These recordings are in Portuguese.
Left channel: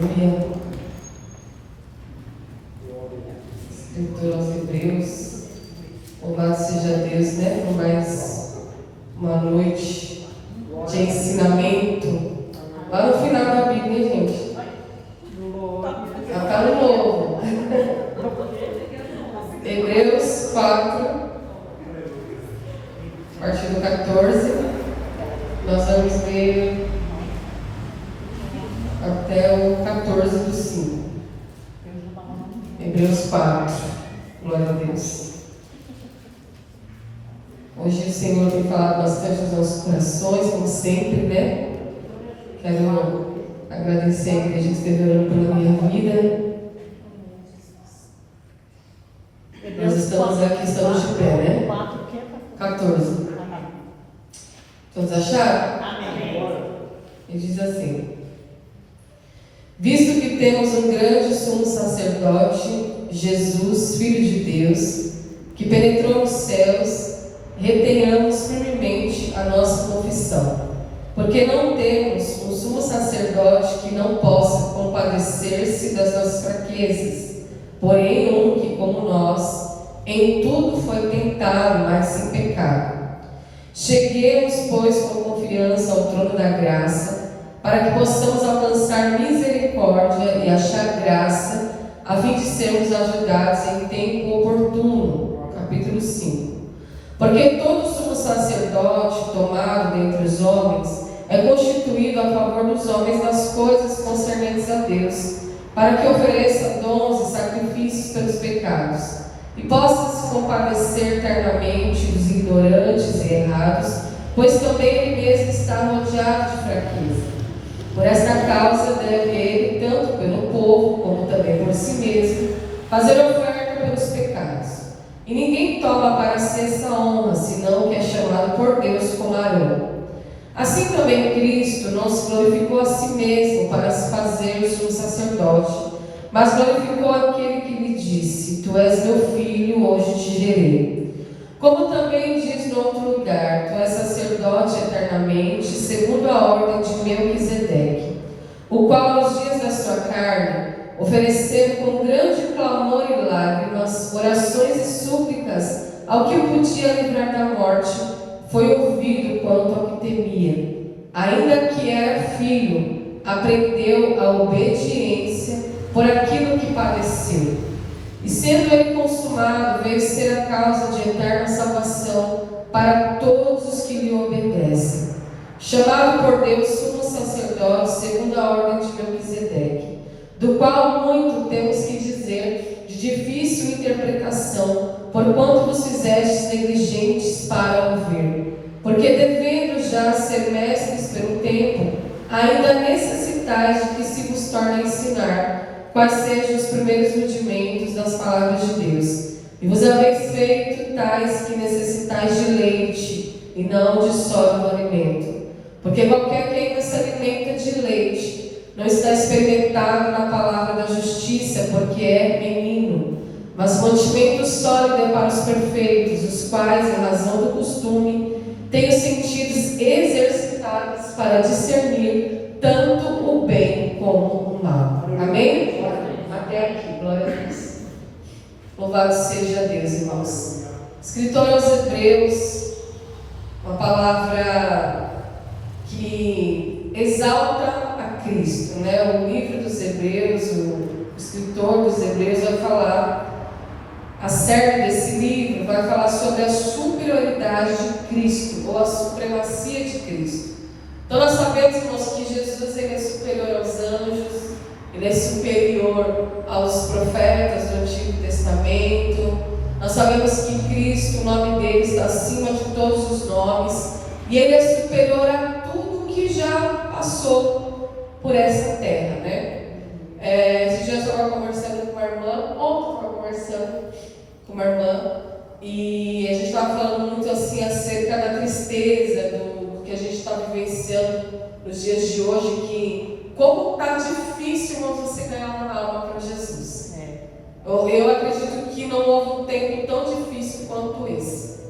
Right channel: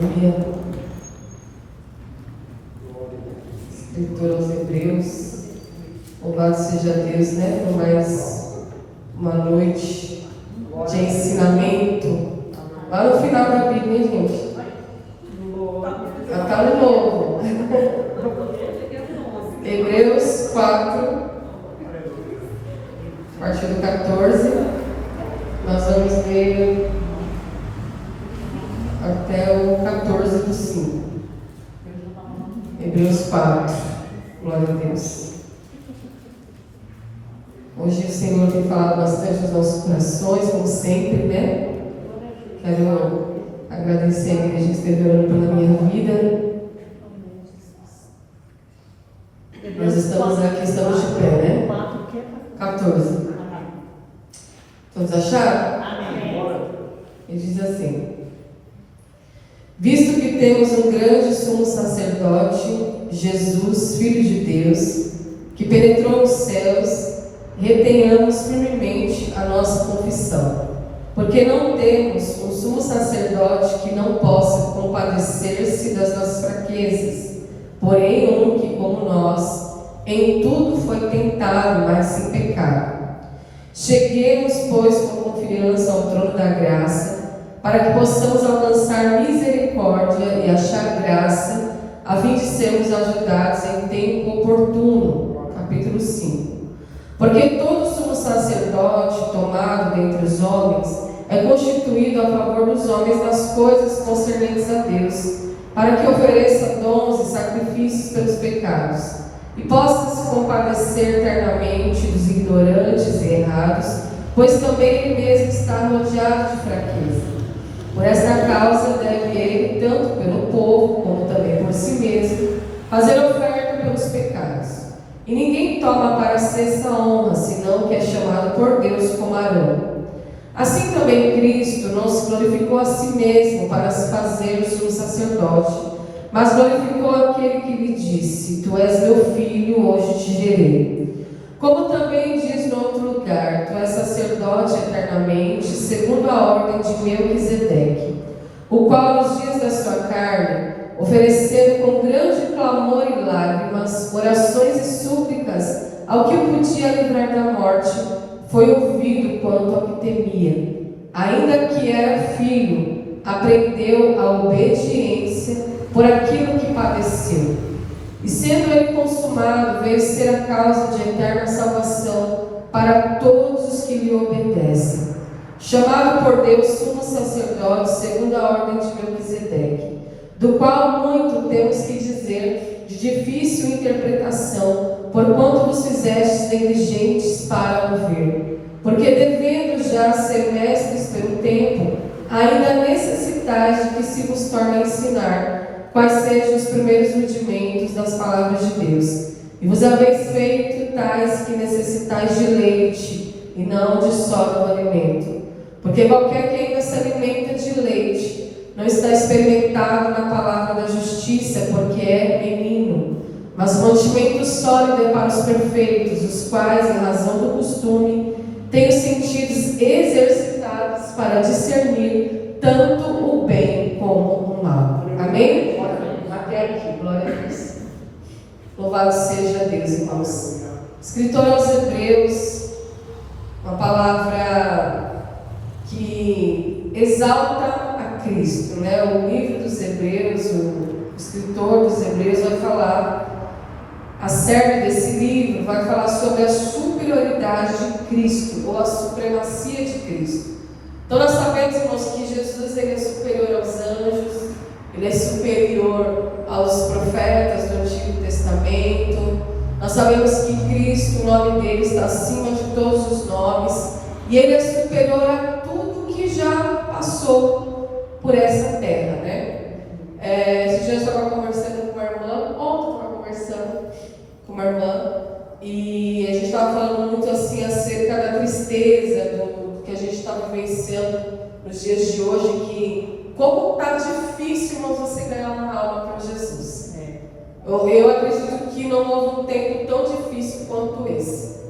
Aleluia. Escritor aos Hebreus. Louvado seja Deus, né? Por mais uma noite de ensinamento. Lá no final da Bíblia, hein, gente? Já está no novo. Hebreus 4, a partir do 14. Nós vamos ler até o 14 do 5. Hebreus 4. Glória a Deus. Hoje o Senhor tem falado bastante nos nossos corações, como sempre, né? Quero agradecer a igreja que esteve orando pela minha vida. Nós estamos aqui, estamos de pé, né? 14. Todos acharam? Ele diz assim: visto que temos um grande sumo sacerdote, Jesus, Filho de Deus, que penetrou nos céus, retenhamos firmemente a nossa confissão. Porque não temos um sumo sacerdote que não possa compadecer-se das nossas fraquezas, porém um que, como nós, em tudo foi tentado, mas sem pecado. Cheguemos, pois, com confiança ao trono da graça, para que possamos alcançar misericórdia e achar graça, a fim de sermos ajudados em tempo oportuno. Capítulo 5. Porque todo sumo sacerdote tomado dentre os homens é constituído a favor dos homens nas coisas concernentes a Deus, para que ofereça dons e sacrifícios pelos pecados, e possa se compadecer eternamente dos ignorantes e errados, pois também ele mesmo está rodeado de fraqueza. Por esta causa deve ele, tanto pelo povo como também por si mesmo, fazer oferta pelos pecados. E ninguém toma para si essa honra, senão que é chamado por Deus como Arão. Assim também Cristo não se glorificou a si mesmo para se fazer o sumo sacerdote, mas glorificou aquele que lhe disse: Tu és meu filho, hoje te gerei. Como também diz no outro lugar: Tu és sacerdote eternamente, segundo a ordem de Melquisedeque, o qual nos dias da sua carne, oferecendo com grande clamor e lágrimas, orações e súplicas ao que o podia livrar da morte, foi ouvido quanto ao que temia. Ainda que era filho, aprendeu a obediência por aquilo que padeceu. E sendo ele consumado, veio ser a causa de eterna salvação para todos os que lhe obedecem. Chamado por Deus sumo sacerdote segundo a ordem de Melquisedeque, do qual muito temos que dizer, de difícil interpretação, porquanto vos fizestes negligentes para ouvir. Porque devendo já ser mestres pelo tempo, ainda necessitais de que se vos torne a ensinar quais sejam os primeiros rudimentos das palavras de Deus. E vos haveis feito tais que necessitais de leite, e não de sólido alimento. Porque qualquer que ainda se alimenta de leite não está experimentado na palavra da justiça, porque é menino. Mas o mantimento sólido é para os perfeitos, os quais, em razão do costume, têm os sentidos exercitados para discernir tanto o bem como o mal. Amém? Até aqui, glória a Deus. Louvado seja Deus, irmãos. Escritor aos Hebreus, uma palavra que exalta a Cristo, né? O livro dos Hebreus, o escritor dos Hebreus vai falar acerca desse livro, vai falar sobre a superioridade de Cristo, ou a supremacia de Cristo. Então nós sabemos, irmãos, que Jesus ele é superior aos anjos, ele é superior aos profetas do Antigo Testamento. Nós sabemos que Cristo, o nome dele está acima de todos os nomes, e ele é superior a tudo que já passou por essa terra, né? Esse dia eu estava conversando com uma irmã, ontem eu estava conversando com uma irmã, e a gente estava falando muito assim acerca da tristeza, do que a gente está vivenciando nos dias de hoje, que como está difícil, irmãos, você ganhar uma alma para Jesus. Eu acredito que não houve um tempo tão difícil quanto esse.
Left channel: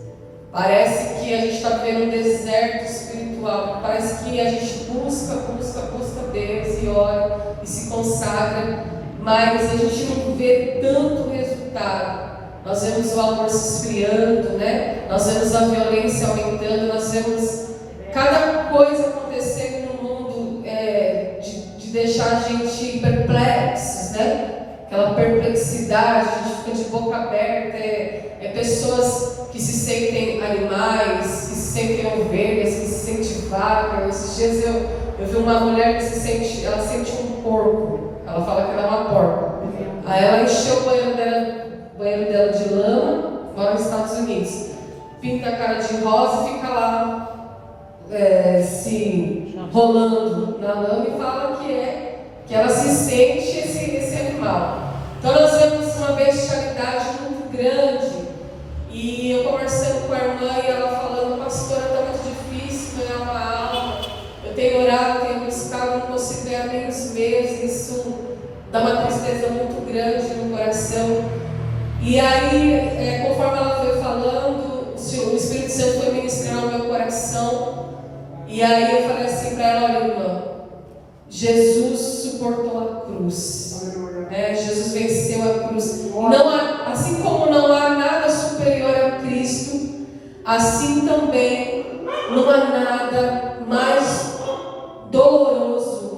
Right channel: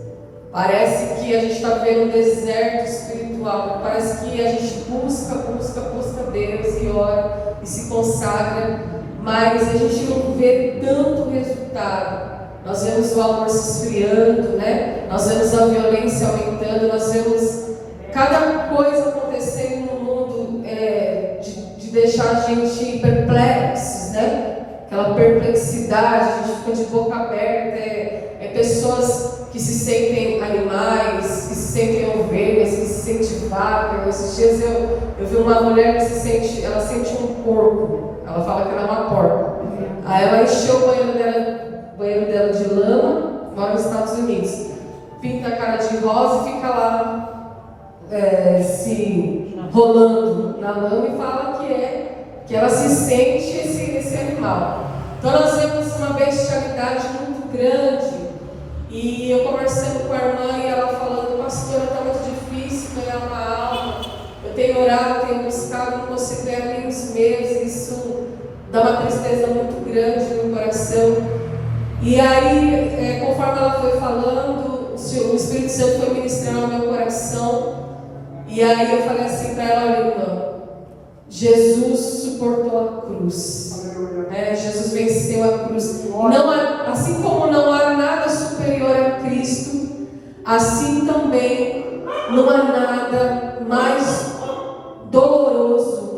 Parece que a gente está vivendo um deserto espiritual, parece que a gente busca Deus e ora e se consagra, mas a gente não vê tanto resultado. Nós vemos o amor se esfriando, né? Nós vemos a violência aumentando, nós vemos cada coisa acontecendo no mundo de deixar a gente perplexos, né? Aquela perplexidade, a gente fica de boca aberta, pessoas que se sentem animais, que se sentem ovelhas, que se sentem vacas. Esses dias eu vi uma mulher que ela sente um porco, ela fala que ela é uma porca. Aí ela encheu o banheiro dela de lama, mora nos Estados Unidos, pinta a cara de rosa e fica lá se rolando na lama e fala que ela se sente esse animal. Então nós vemos uma bestialidade muito grande. E eu conversando com a irmã e ela falando: pastora, está muito difícil ganhar uma alma, eu tenho orado, tenho buscado, não consigo ganhar nem uns meses, isso dá uma tristeza muito grande no coração. E aí, conforme ela foi falando, o Espírito Santo foi ministrando ao meu coração. E aí eu falei assim para ela: olha, irmã, Jesus suportou a cruz. Jesus venceu a cruz. Assim como não há nada superior a Cristo, assim também não há nada mais doloroso,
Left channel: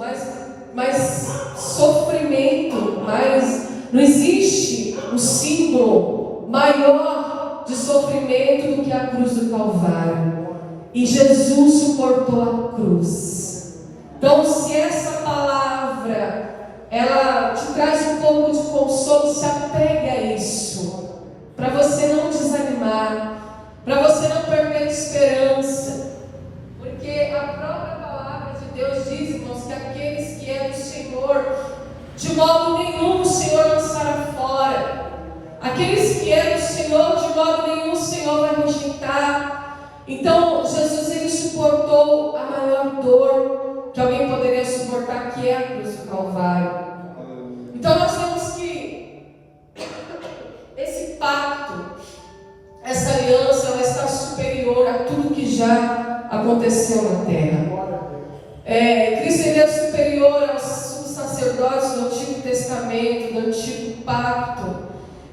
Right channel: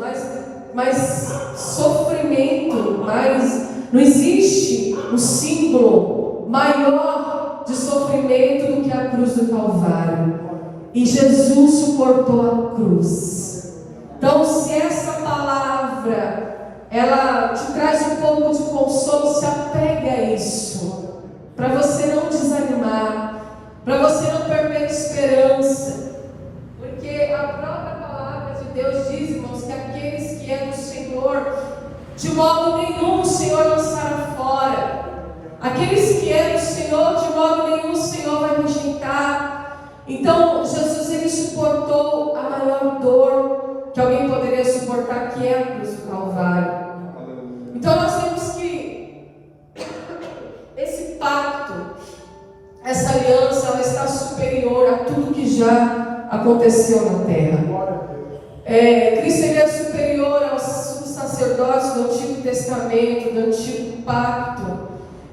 mais sofrimento, não existe um símbolo maior de sofrimento do que a cruz do Calvário. E Jesus suportou a cruz. Então, se essa palavra ela te traz um pouco de consolo, se apegue a isso, para você não desanimar, para você não perder a esperança, porque a própria palavra de Deus diz, irmãos, que aqueles que é do Senhor, de modo nenhum o Senhor lançará fora. Aqueles que é do Senhor, de modo nenhum o Senhor vai rejeitar. Então, Jesus, ele suportou a maior dor que alguém poderia suportar, que é a cruz do Calvário. Então nós vemos que esse pacto, essa aliança, ela está superior a tudo que já aconteceu na terra. Cristo, ele é superior aos sacerdotes do Antigo Testamento, do Antigo Pacto.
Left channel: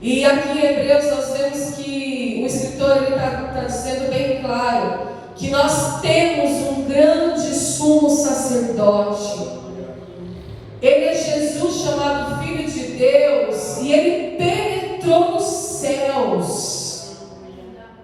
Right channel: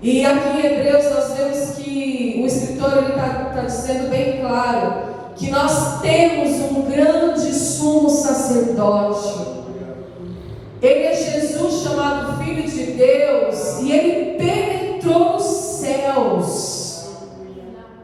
E aqui em Hebreus nós vemos que o escritor está dizendo bem claro que nós temos um grande sumo sacerdote. Ele é Jesus, chamado Filho de Deus, e ele penetrou nos céus.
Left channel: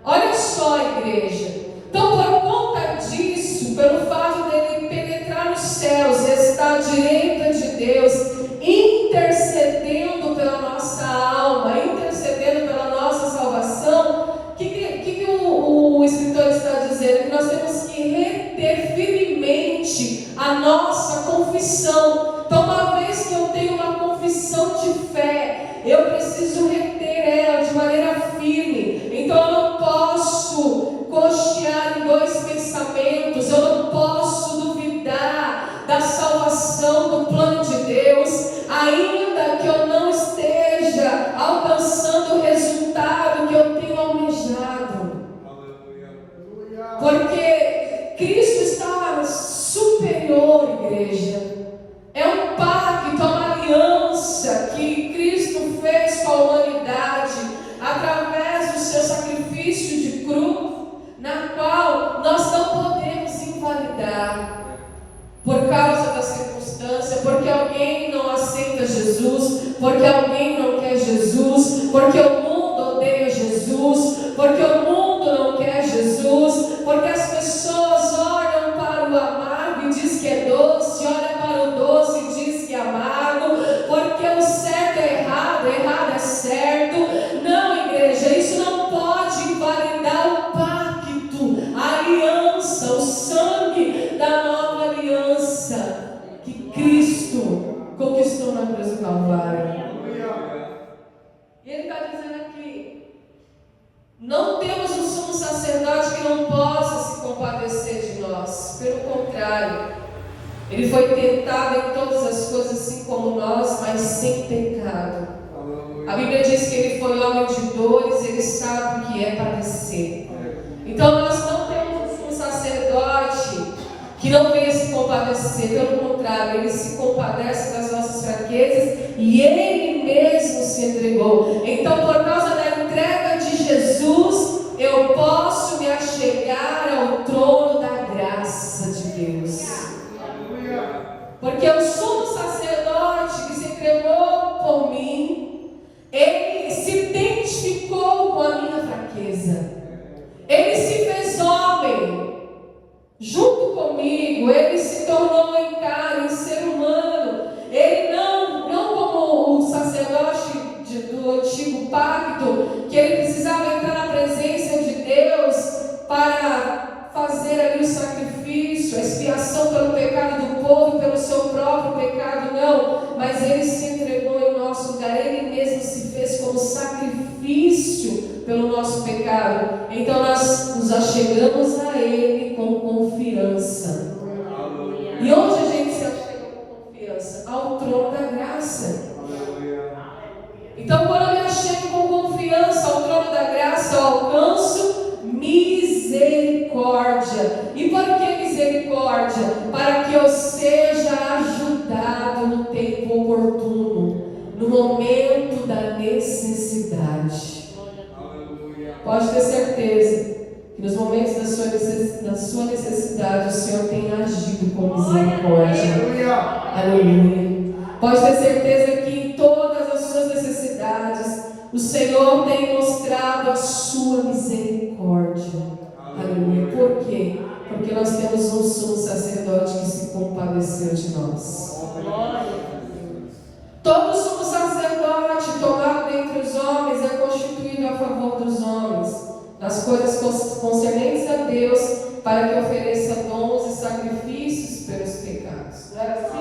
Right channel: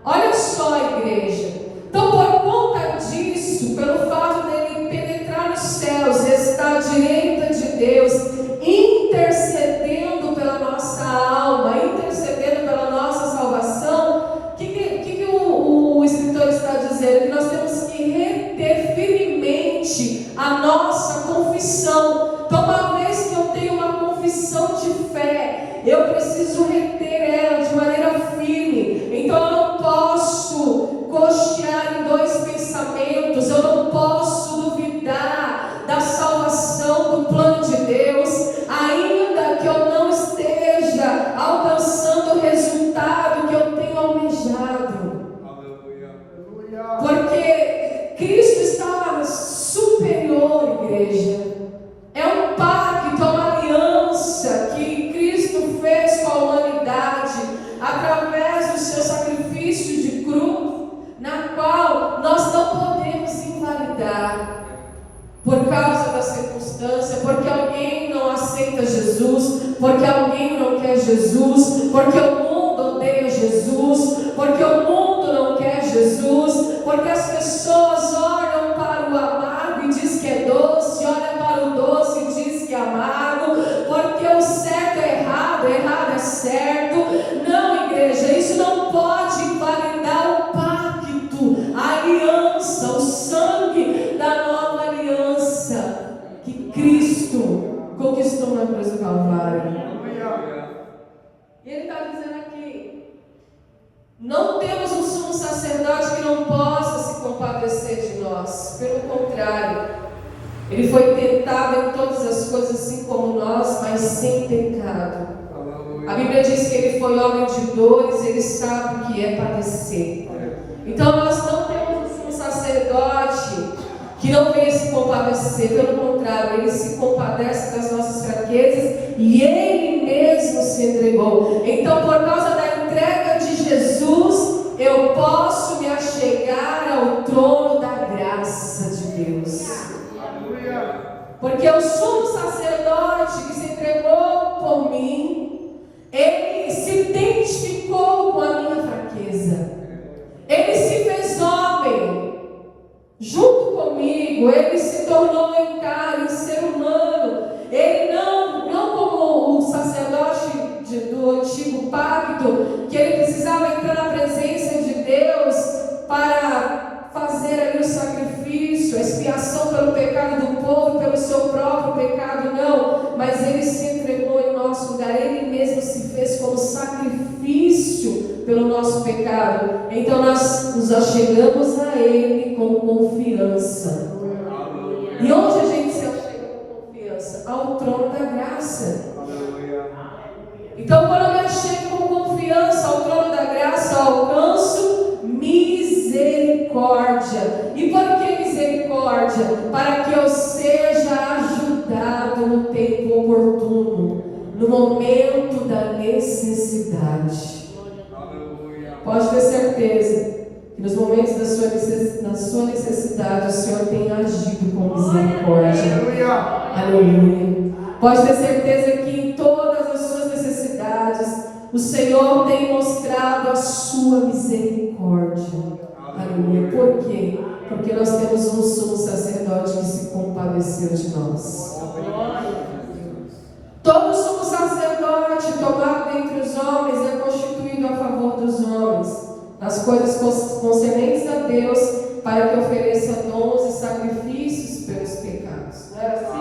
Olha só, igreja. Então, por conta disso, pelo fato dele penetrar nos céus, está à direita de Deus, intercedendo pela nossa alma, intercedendo pela nossa salvação, o que o escritor está dizendo? Que nós temos que reter firmemente a nossa confissão. Então, uma vez que eu tenho uma confissão de fé, eu preciso reter ela de maneira firme. Então, eu não posso cochear em dois pensamentos, eu não posso duvidar da salvação, do plano de Deus, ainda que eu não esteja alcançando o resultado que eu tenho almejado. Porque Cristo está superior, igreja. É um pacto, uma aliança que Cristo fez com a humanidade através do seu sacrifício de cruz, na qual nós não podemos invalidar por causa da circunstância, porque alguém não aceita Jesus, porque alguém não quer Jesus, porque o mundo odeia Jesus, porque o mundo não quer Jesus, porque as pessoas olham para o amargo e diz que é doce, olham para o doce e diz que é amargo, porque o certo é errado é certo. Não, igreja, isso não pode invalidar o pacto, a aliança, o sangue da nova aliança que Cristo conquistou na cruz do Calvário. E ele está dizendo aqui: não temos um sumo sacerdote que não possa se compadecer de nós. Pelo contrário, ele foi tentado em todas as coisas, assim como nós, mas sem pecado. A Bíblia diz que ele foi homem de dores, ele sabe o que é padecer. Então nós não temos um sacerdote que não veio se compadecer, pelo contrário, Ele se compadece das nossas fraquezas e Ele mesmo se entregou. Então, por causa da entrega de Jesus, eu posso me achegar ao trono da graça de Deus. Porque o sumo sacerdote que se entregou por mim, ele se identificou com a minha fraqueza. Ele se fez homem junto comigo. Ele se tornou em carne, ser humano. Ele não como o sacerdote do antigo pacto, que ele precisava entrar na presença de Deus para fazer ali o sacrifício, a expiação pelo pecado do povo, pelo seu próprio pecado, não, mas Ele se entregou em nosso lugar. Ele mesmo se fez como sacrifício pelo nosso pecado. Então nós nos achegamos a Ele com confiança. E onde a gente se achega com confiança? Ao trono da graça. Então, quando eu me achego com confiança ao trono da graça, eu alcanço misericórdia. E por que misericórdia? Para que eu seja ajudado no tempo oportuno, no momento da necessidade. Pode ter certeza que nos momentos da sua necessidade o Senhor tem agido com misericórdia. Aleluia. Pode ter certeza que em todas as suas necessidades o Senhor tem mostrado a sua misericórdia. Aleluia. Por quê? Porque nós temos um sumo sacerdote que se compadeceu de nós. Todo sumo sacerdote tomado dentre os homens é constituído a favor dos homens, nas coisas concernentes a Deus, para que ofereça dons e sacrifícios pelos pecados. Não era assim?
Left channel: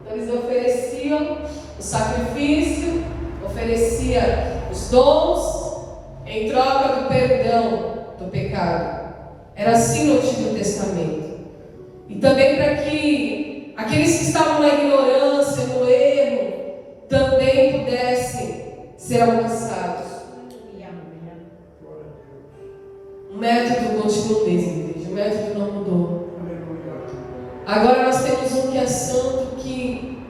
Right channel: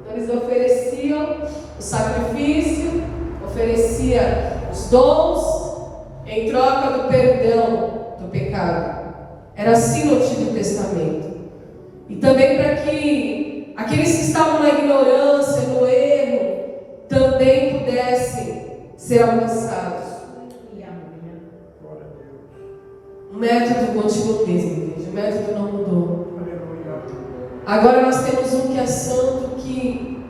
Então eles ofereciam o sacrifício, oferecia os dons em troca do perdão do pecado. Era assim no Antigo Testamento. E também para que aqueles que estavam na ignorância, no erro, também pudessem ser alcançados. O método continua o mesmo, igreja. O método não mudou. Agora nós temos um que é santo, que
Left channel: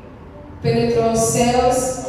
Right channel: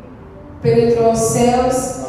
penetrou os céus,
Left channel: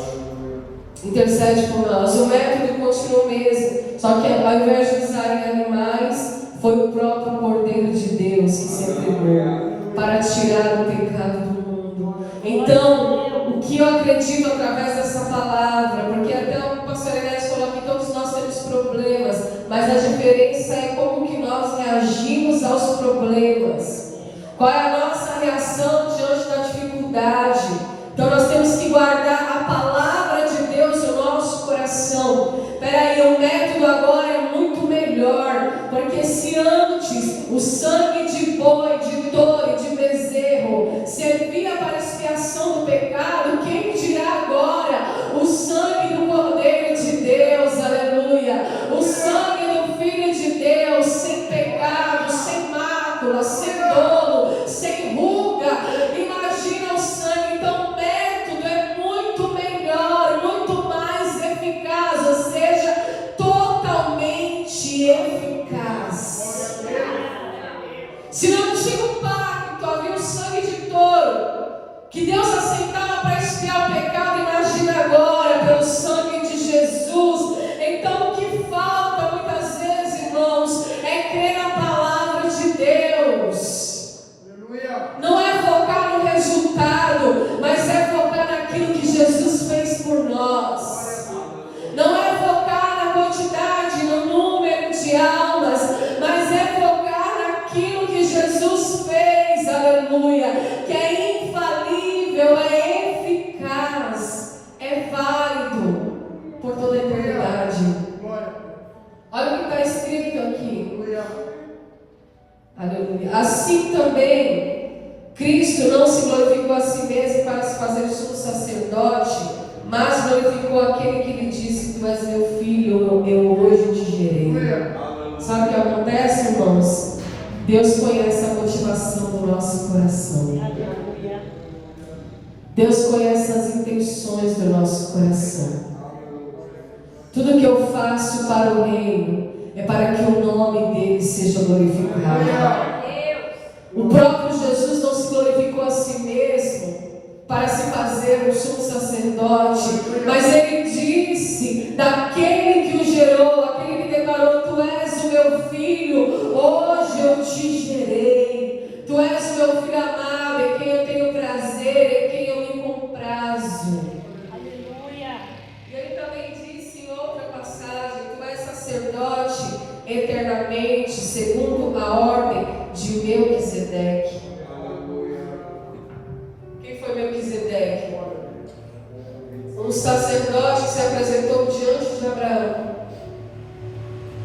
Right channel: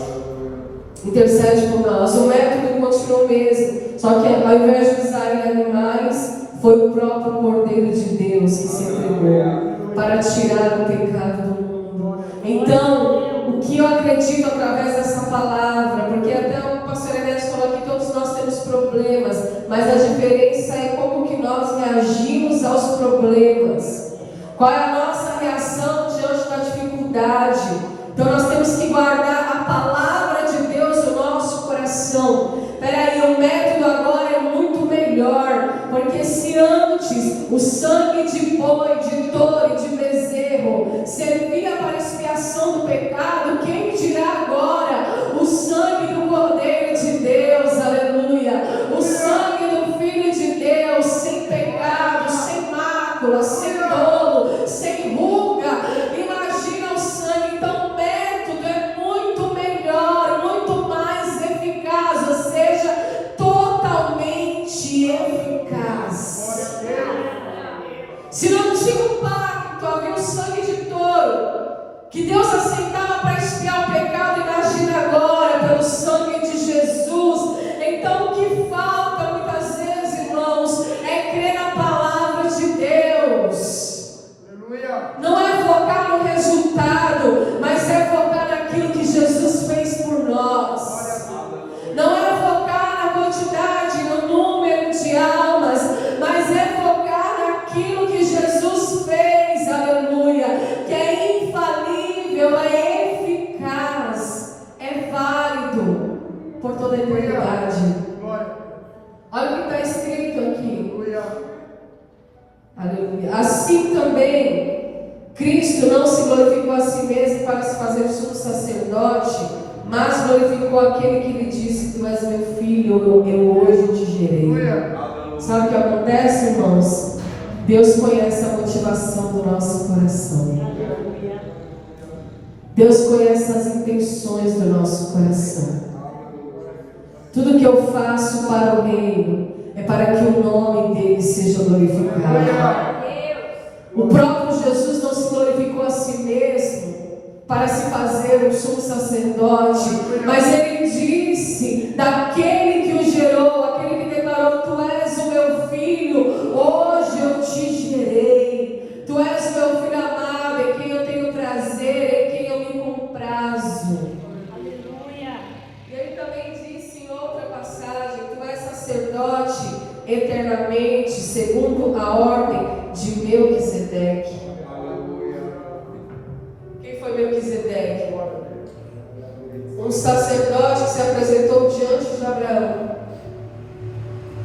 intercede por nós. O método continua o mesmo, só que ao invés de usarem animais, foi o próprio Cordeiro de Deus que se entregou para tirar o pecado do mundo. Então, o que eu acredito através dessa palavra, porque até o pastor Enéas falou que todos nós temos problemas, mas a diferença é como que nós reagimos aos problemas. Qual é a nossa reação diante da dificuldade? Então nós temos que guardar a palavra de Deus no nosso coração. Peraí, o método agora é muito melhor, porque se antes o sangue de boi, de touro e de bezerro servia para a expiação do pecado, quem dirá agora o sangue do Cordeiro de Deus, aleluia, o sangue do Filho de Deus, sem pecado, sem mácula, sem dolo, sem ruga. Imagina o sangue. Então o método é muito melhor, muito mais eficaz, ou seja, totalmente eficaz. Se no antigo pacto havia o sangue de touro que Deus aceitava para expiar o pecado, imagina agora pelo sangue de Jesus. Então o que falta muitas vezes, irmãos, é crer na palavra de Deus. Não é focar no resultado, mas é focar naquilo que Jesus fez por nós. Não é focar na quantidade, no número de almas, mas é focar naquilo que Jesus fez, aleluia, que é infalível, é eficaz, é válido por toda a eternidade. Olha o que está escrito aqui. Aleluia. Assim também, Cristo não se glorificou a si mesmo para se fazer sumo sacerdote, mas glorificou aquele que lhe disse: Tu és meu filho, eu hoje te gerei. Sabe o que acontece, irmãos? Deus conhece a motivação do nosso coração. Deus conhece as intenções do nosso coração. Tudo que eu faço para o reino é para que o nome dele seja glorificado. O próprio Jesus não se glorificou a si mesmo para se fazer um sumo sacerdote, mas ele disse daquele que o gerou, aquele que declarou: tu és o meu filho, hoje eu te gerei, tu és o meu filho amado, em quem eu tenho prazer, em quem eu me comprazo. Aleluia. E ele também disse em outra passagem: tu és sacerdote eternamente, segundo a ordem de Melquisedeque. Quem foi Melquisedeque? Um sacerdote que se apresentou diante de Abraão.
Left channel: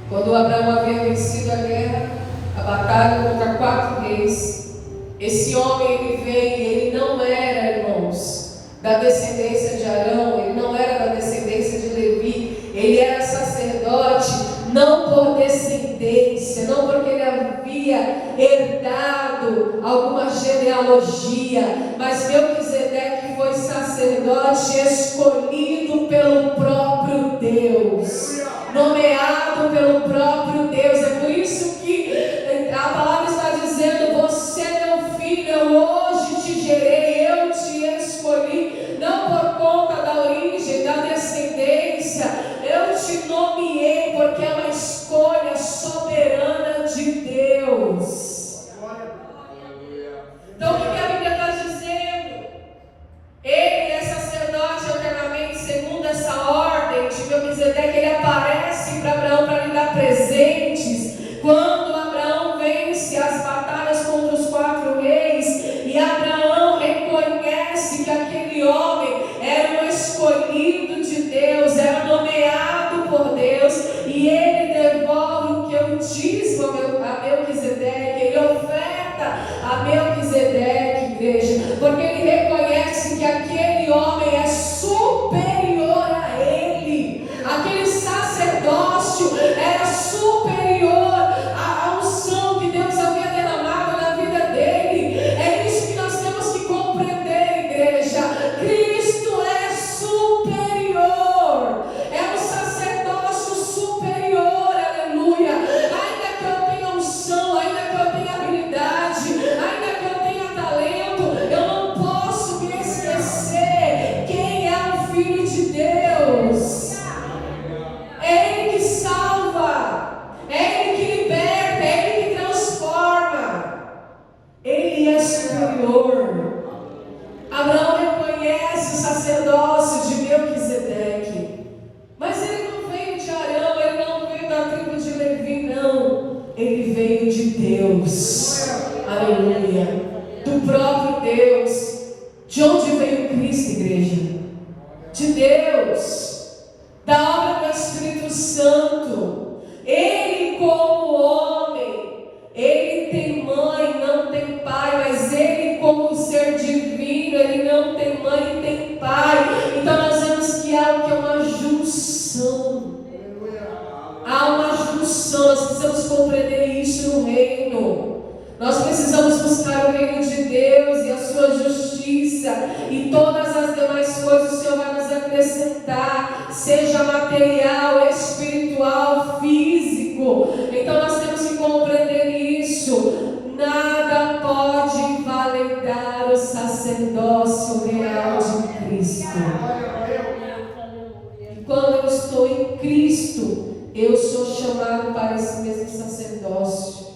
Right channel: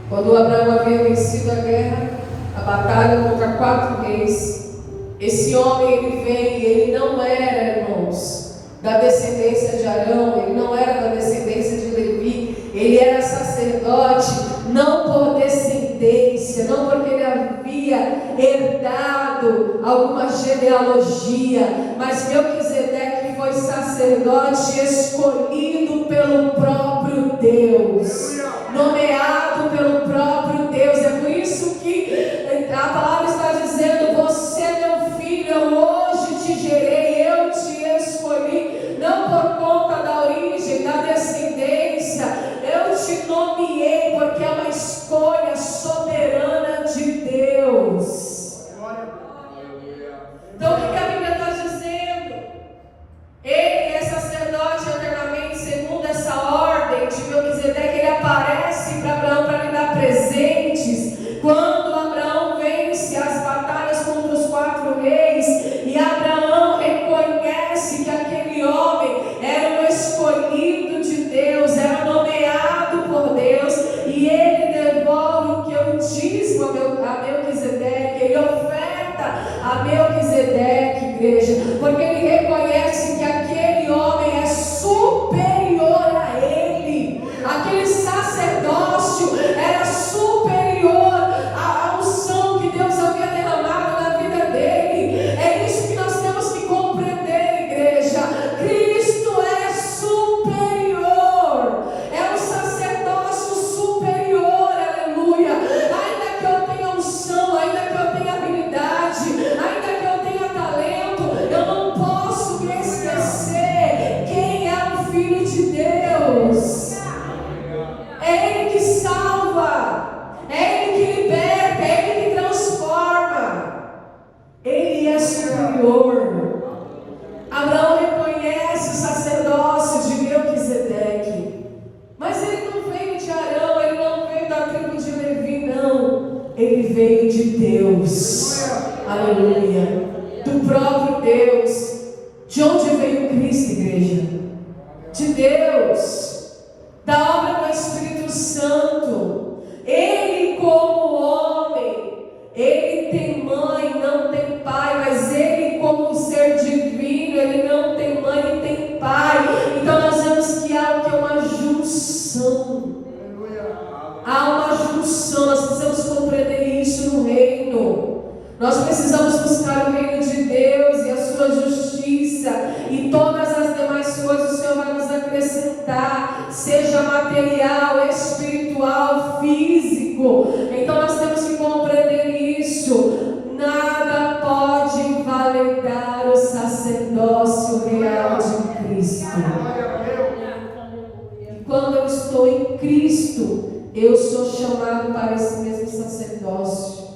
Quando Abraão havia vencido a guerra, a batalha contra 4 reis, esse homem ele veio, ele não era, irmãos, da descendência de Arão, ele não era da descendência de Levi, ele era sacerdote não por descendência, não porque ele havia herdado alguma genealogia, mas Melquisedeque foi sacerdote escolhido pelo próprio Deus, nomeado pelo próprio Deus. É por isso que a palavra está dizendo: você é meu filho, eu hoje te gerei, eu te escolhi, não por conta da origem, da descendência, eu te nomeei porque é uma escolha soberana de Deus. Então o que a Bíblia está dizendo? Ele é sacerdote eternamente, segundo essa ordem de Melquisedeque. Ele aparece para Abraão para lhe dar presentes. Quando Abraão vence as batalhas contra os 4 reis, e Abraão reconhece que aquele homem era um escolhido de Deus, era nomeado por Deus, e ele devolve o que eu disse a Melquisedeque, ele oferta a Melquisedeque, igreja, porque ele reconhece que aquele homem é superior a ele, aquele sacerdócio era superior à unção que Deus havia derramado na vida dele. É isso que nós temos que compreender, igreja. Cristo é superior, é um sacerdócio superior, aleluia. Ainda que eu tenha unção, ainda que eu tenha habilidade, ainda que eu tenha talento, eu não posso me esquecer quem é o Filho de Deus. É Ele que salva, é Ele que liberta, é Ele que transforma. Ele é superior. Abraão reconhece o sacerdócio de Melquisedeque, mas ele não veio de Arão, ele não veio da tribo de Levi, não. Ele veio de Deus, aleluia, do próprio Deus. De onde veio Cristo, igreja? De Deus, da obra do Espírito Santo. Ele, como homem, ele tem mãe, não tem pai, mas ele, como ser divino, ele não tem mãe e tem pai. Então nós vemos que há uma junção. Há uma junção, nós precisamos compreender isso no reino. Nós precisamos buscar o reino de Deus e a sua justiça, e todas as demais coisas o Senhor vai nos acrescentar, seja material, espiritual, físico. Então nós temos que compreender isso. Nada pode invalidar o sacerdócio real de Cristo. E quando eu estou em Cristo, eu sou chamado para esse mesmo sacerdócio,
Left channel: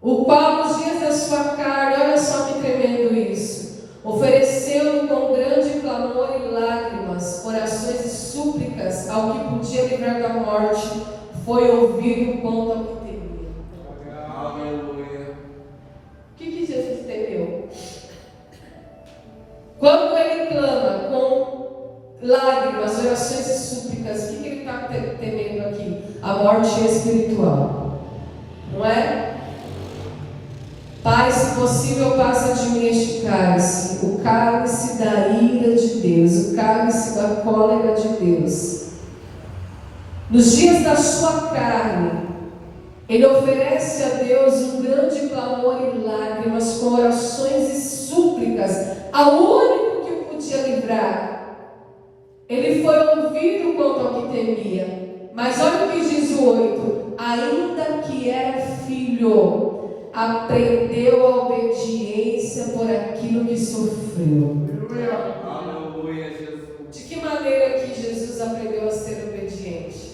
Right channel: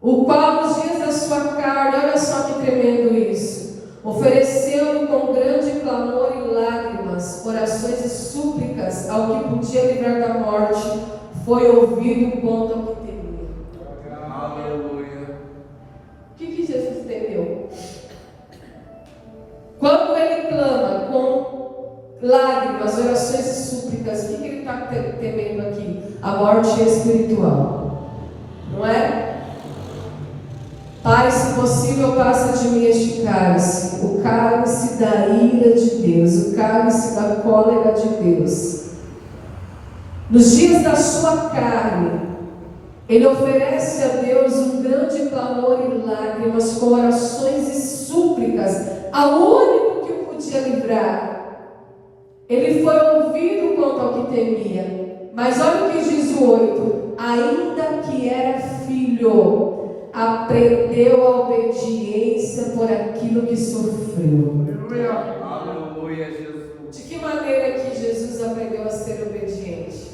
o qual nos dias da sua carne, olha só que tremendo isso, oferecendo com grande clamor e lágrimas, orações e súplicas ao que podia livrar da morte, foi ouvido quanto ao que temia. Aleluia. O que Jesus temeu? Quando ele clama com lágrimas, orações e súplicas, o que ele está temendo aqui? A morte espiritual, não é? Pai, se possível, passa de mim este cálice, o cálice da ira de Deus, o cálice da cólera de Deus. Nos dias da sua carne, ele oferece a Deus um grande clamor e lágrimas, com orações e súplicas, ao único que o podia livrar. Ele foi ouvido quanto ao que temia. Mas olha o que diz o 8: ainda que era filho, aprendeu a obediência por aquilo que sofreu. De que maneira que Jesus aprendeu a ser obediente?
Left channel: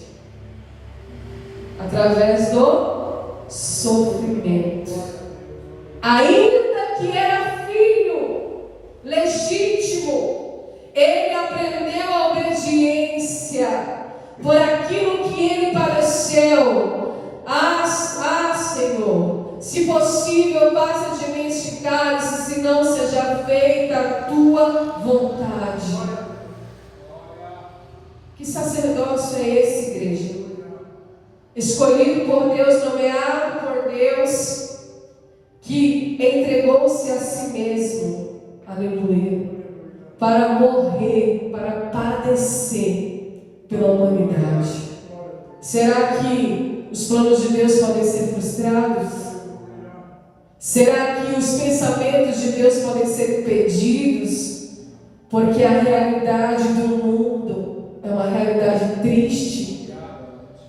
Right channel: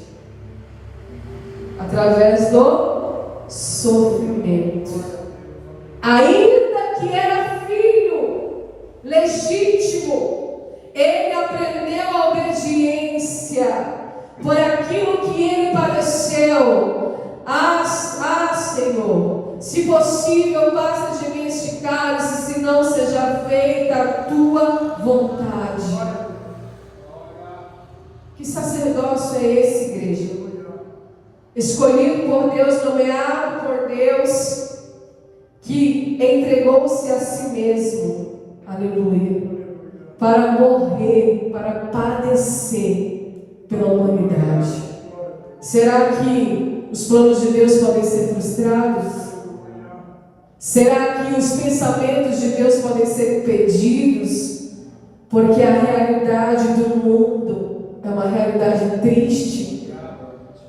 Através do sofrimento. Ainda que era filho legítimo, ele aprendeu a obediência por aquilo que ele padeceu. Senhor, se possível, passa de mim este cálice, se não seja feita a tua vontade. Que sacerdócio é esse, igreja? Escolhido por Deus, nomeado por Deus, que entregou-se a si mesmo, aleluia, para morrer, para padecer pela humanidade. Será que os planos de Deus podem ser frustrados? Será que os pensamentos de Deus podem ser impedidos? Porque a realidade do mundo é uma realidade triste.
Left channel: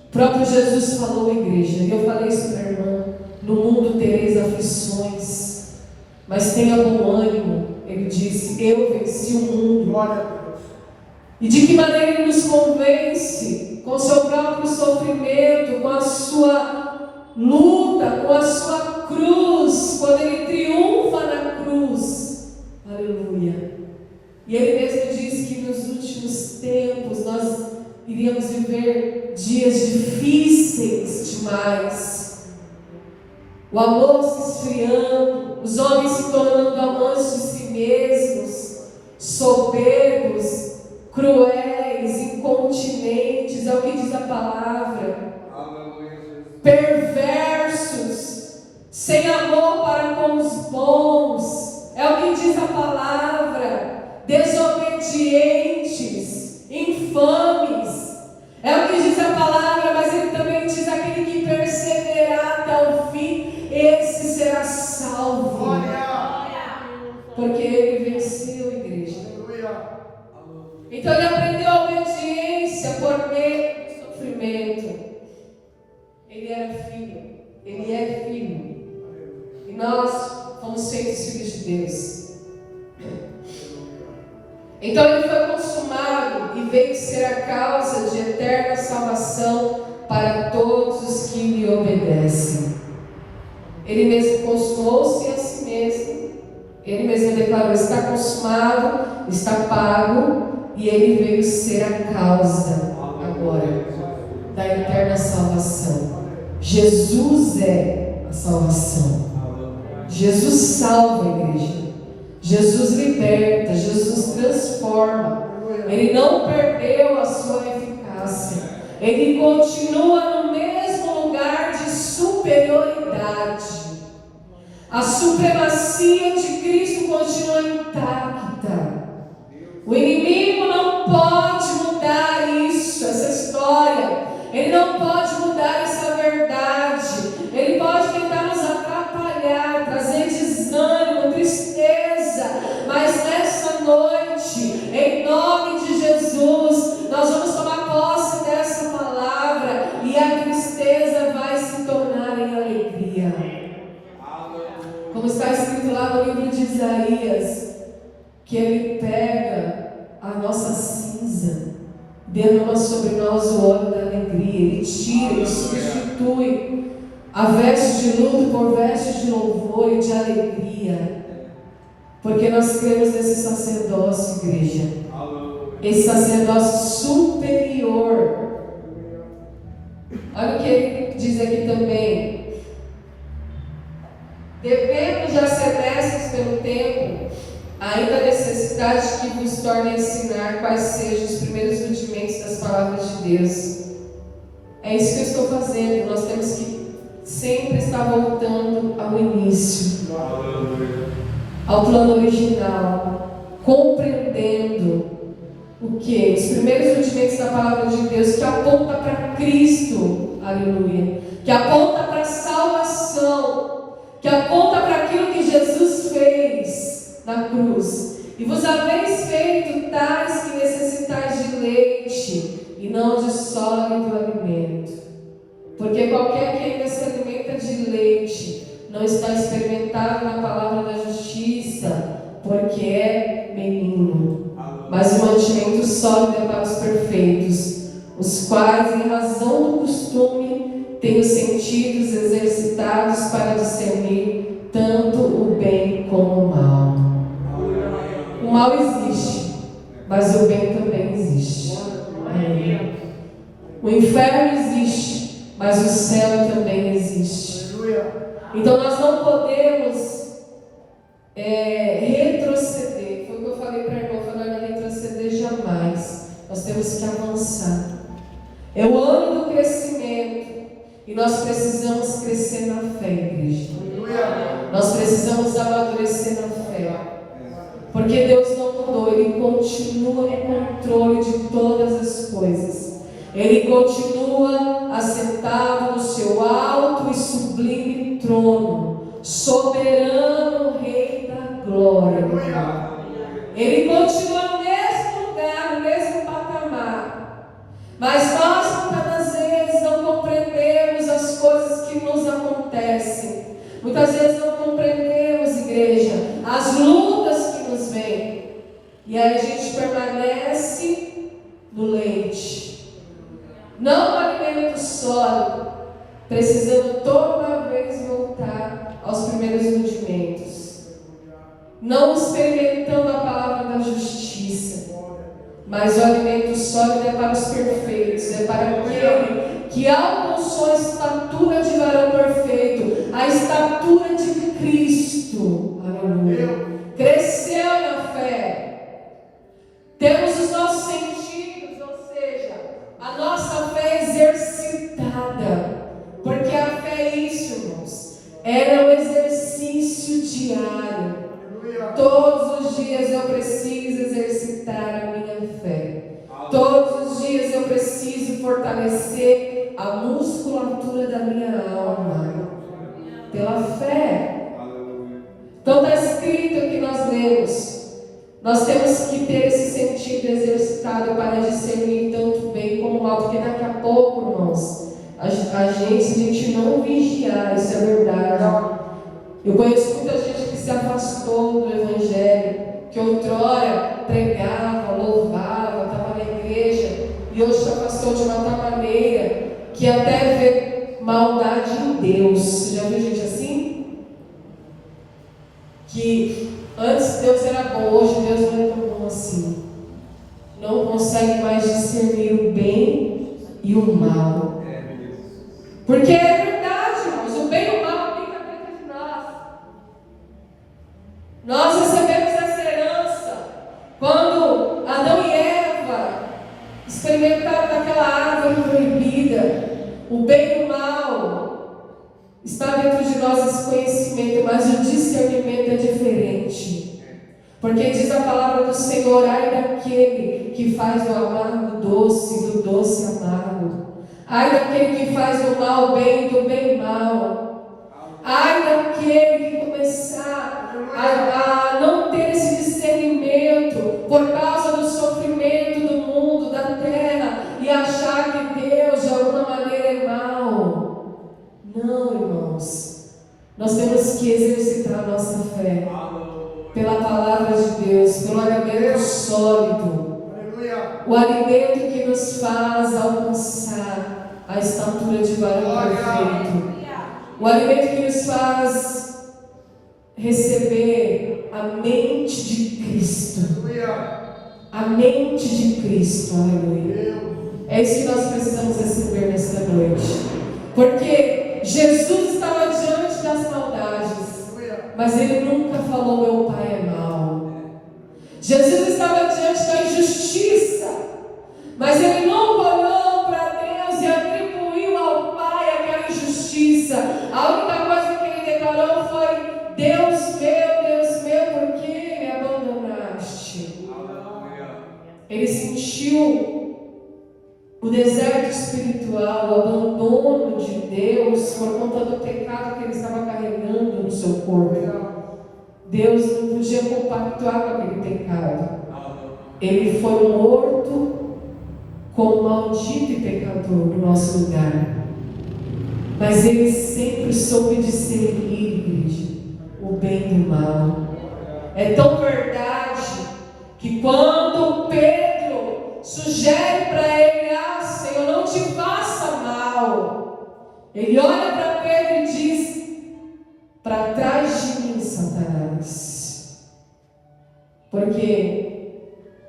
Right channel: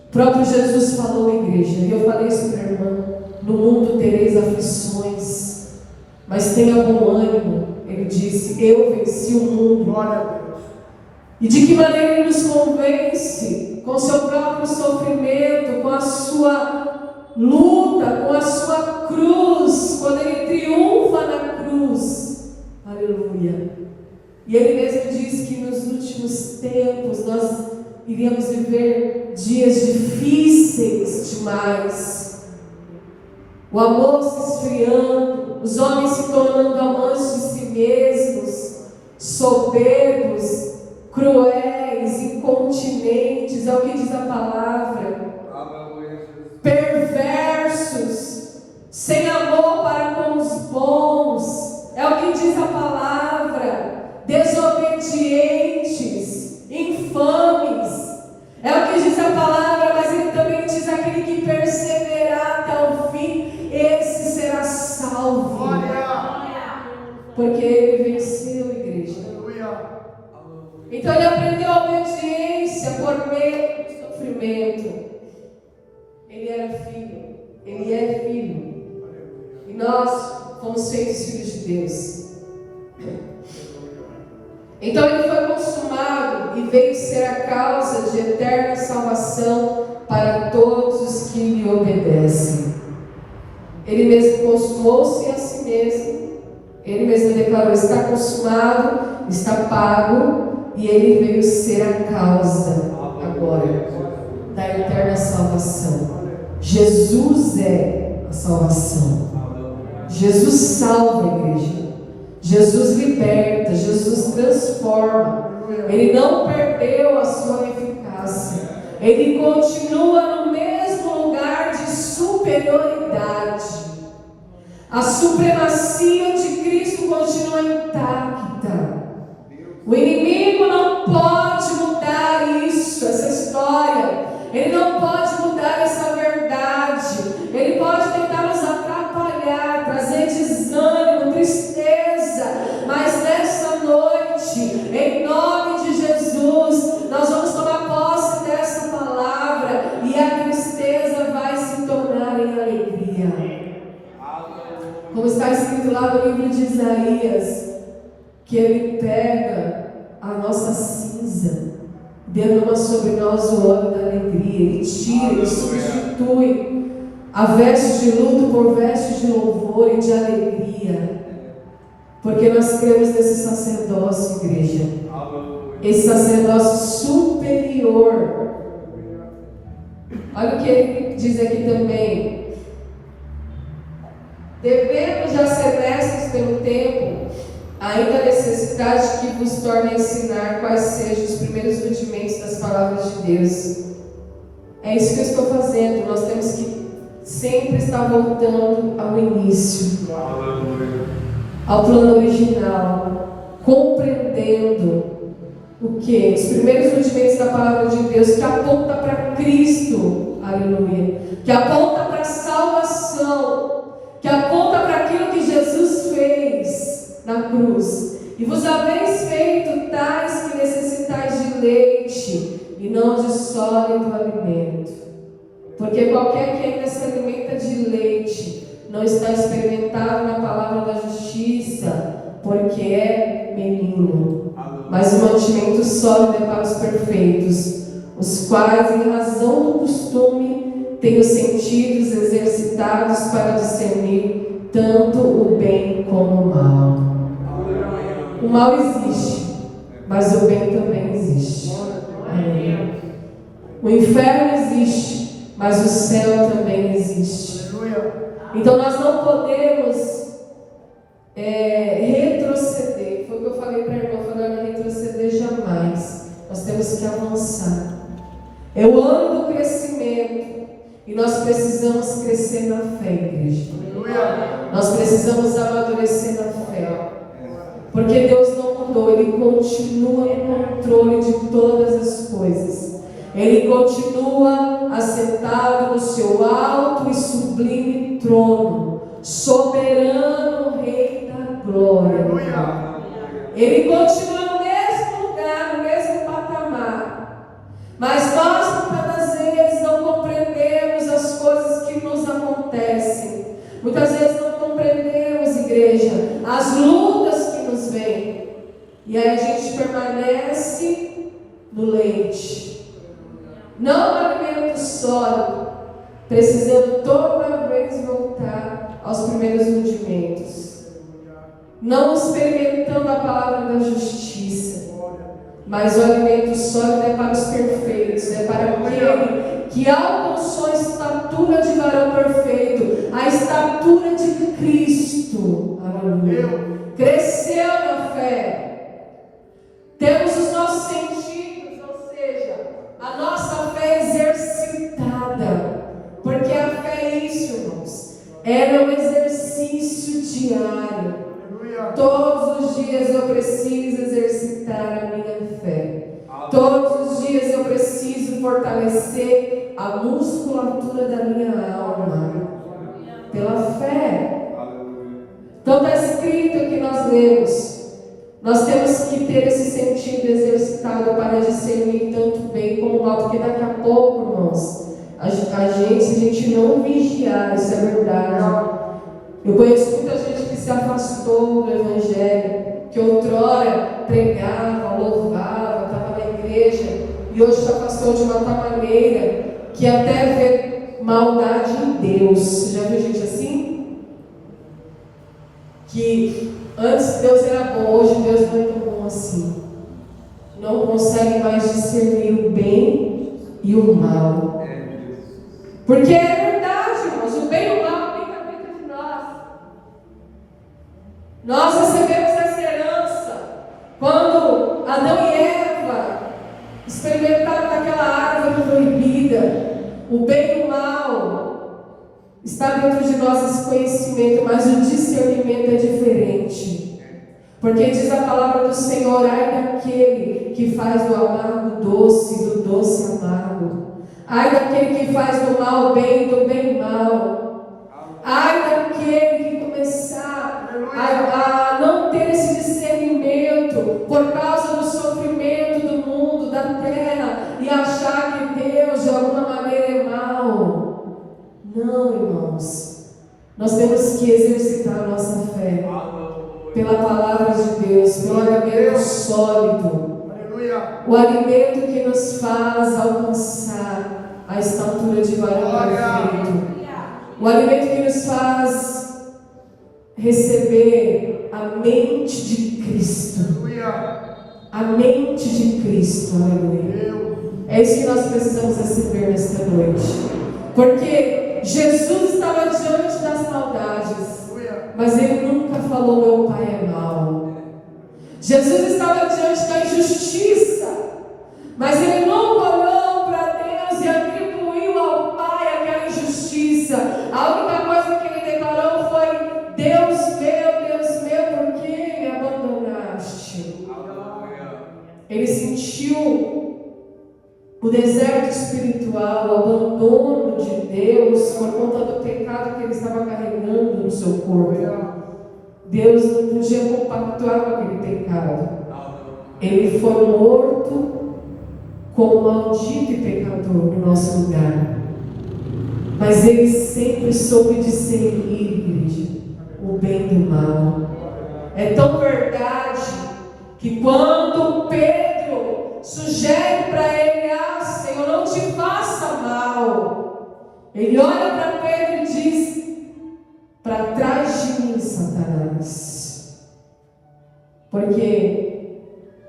O próprio Jesus falou, igreja, e eu falei isso para a irmã: no mundo tereis aflições, mas tenha bom ânimo. Ele disse: eu venci o mundo. E de que maneira ele nos convence? Com o seu próprio sofrimento, com a sua luta, com a sua cruz, quando ele triunfa na cruz. Aleluia. E ele mesmo diz que nos últimos tempos nós iríamos viver dias difíceis demais. O amor se esfriando, os homens se tornando amantes de si mesmos, soberbos, cruéis, incontinentes, é o que diz a palavra, perversos, sem amor para com os bons, é o que diz a palavra, desobedientes, infames, é o que diz a palavra. Mas ele também diz: aquele que perseverar até o fim, esse será salvo. Porque ele venceu, igreja. Então ele aprendeu a obediência por meio do sofrimento. Ele era filho, ele é filho, e nós fomos feitos filhos de Deus. Então ele foi consumado e veio ser a causa de eterna salvação para todos os que lhe obedecem. Ele mesmo consumou-se a si mesmo. Ele mesmo declarou: está consumado, está pago. E ele veio ser a causa agora da eterna salvação. Jesus é a salvação. Jesus salva a igreja. Jesus liberta. Jesus transforma. Ele não perdeu a sua eficácia. Ele continua no mesmo lugar de superioridade. A supremacia de Cristo continua intacta. O inimigo não pode mudar isso, essa história. Ele não pode mudar essa verdade. Ele pode tentar nos atrapalhar, trazer desânimo, tristeza. Mas nessa noite, em nome de Jesus, nós vamos tomar posse dessa palavra e a tristeza vai se tornar em alegria. Como está escrito lá no livro de Isaías, que ele pega a nossa cinza, derrama sobre nós o óleo da alegria. Ele tira, ele substitui a veste de luto por veste de louvor e de alegria. Porque nós cremos nesse sacerdócio, igreja. Esse sacerdócio superior. Olha o que ele diz aqui também: devemos já ser mestres pelo tempo, ainda a necessidade que vos torne a ensinar quais sejam os primeiros rudimentos das palavras de Deus. É isso que eu estou fazendo. Nós temos que sempre estar voltando ao início, ao plano original, compreendendo o que? Os primeiros rudimentos da palavra de Deus, que aponta para Cristo, aleluia, que aponta para a salvação, que aponta para aquilo que Jesus fez na cruz. E vos haveis feito tais que necessitais de leite e não de sólido alimento. Porque qualquer que ainda se alimenta de leite não está experimentado na palavra da justiça, porque é menino. Mas o mantimento sólido é para os perfeitos, os quais, em razão do costume, têm os sentidos exercitados para discernir tanto o bem como o mal. O mal existe, mas o bem também existe. O inferno existe, mas o céu também existe. Então nós não podemos retroceder. Foi o que eu falei para a irmã, eu falei, não retroceder jamais. Nós temos que avançar. É o ano do crescimento. E nós precisamos crescer na fé, igreja. Nós precisamos amadurecer na fé. Porque Deus não mudou, Ele continua no controle de todas as coisas. Ele continua assentado no seu alto e sublime trono, soberano Rei da glória. Ele continua no mesmo lugar, no mesmo patamar. Mas nós, muitas vezes, não compreendemos as coisas que nos acontecem. Muitas vezes não compreendemos, igreja, as lutas que nos vêm. E aí a gente permanece no leite, não no alimento sólido, precisando toda vez voltar aos primeiros rudimentos. Não experimentando a palavra da justiça, mas o alimento sólido é para os perfeitos, é para aquele que alcançou a estatura de varão perfeito, a estatura de Cristo. Aleluia. Cresceu na fé. Temos os nossos sentidos, ou seja, a nossa fé exercitada. Porque a fé é isso, irmãos. É um exercício diário. Todos os dias eu preciso exercitar a minha fé. Todos os dias eu preciso fortalecer a musculatura da minha alma. Pela fé. Então está escrito que nós lemos. Nós temos que ter esse sentido exercitado para discernir tanto bem como mal. Porque daqui a pouco, irmãos, a gente não vigiar, isso é verdade. Eu conheço muita gente que se afastou do Evangelho, que outrora pregava, louvava, estava na igreja, e hoje se afastou de uma tal maneira que até vê maldade em Deus. Você já viu gente assim? Que antes Deus era bom, hoje Deus não é tão bom assim. Não consegue mais discernir o bem e o mal. Porque é verdade, irmãos, o bem e o mal fica dentro de nós. Nós recebemos essa herança quando Adão e Eva experimentaram daquela árvore proibida. O bem e o mal está dentro de nós, esse conhecimento, mas o discernimento é diferente. Porque diz a palavra do Senhor: ai daquele que faz do amargo doce e do doce amargo. Ai daquele que faz do mal bem e do bem mal. Ai daquele que começar a não ter esse discernimento por causa do sofrimento do mundo, da terra, e achar que Deus de alguma maneira é mau. Não, irmãos. Nós temos que exercitar a nossa fé pela palavra de Deus, pelo alimento sólido, o alimento que nos faz alcançar a estatura de varão perfeito, o alimento que nos faz receber a mente de Cristo, a mente de Cristo, aleluia. É isso que nós precisamos receber nesta noite, porque Jesus estava diante das maldades, mas Ele nunca falou: meu pai é mau. Jesus estava diante da injustiça, mas Ele nunca olhou para Deus e atribuiu ao Pai aquela injustiça. A única coisa que Ele declarou foi: Deus meu, por que me abandonaste? Ele sentiu o deserto espiritual, o abandono de Deus por conta do pecado que ele estava carregando no seu corpo. Deus não podia compactuar com aquele pecado. Ele foi morto como maldito e pecador no nosso lugar. Mas ele sempre soube discernir, igreja, o bem do mal. É tão verdade que quando Pedro sugere para ele: ah, Senhor, não te faça mal, ele olha para Pedro e diz: para trás de mim, Satanás. Porque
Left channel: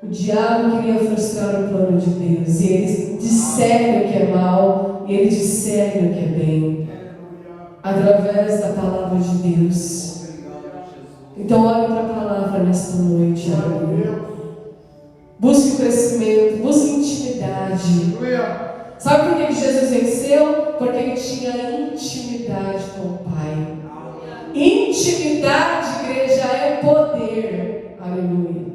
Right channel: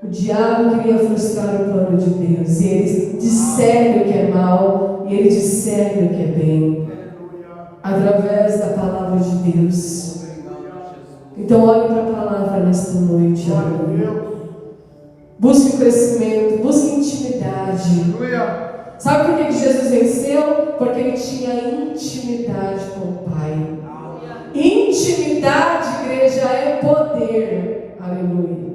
o diabo queria frustrar o plano de Deus, e ele discerne o que é mal e ele discerne o que é bem, através da palavra de Deus. Então olhe para a palavra nesta noite, aleluia. Busque crescimento, busque intimidade. Sabe por que Jesus venceu? Porque ele tinha intimidade com o Pai. Intimidade, igreja, é poder. Aleluia.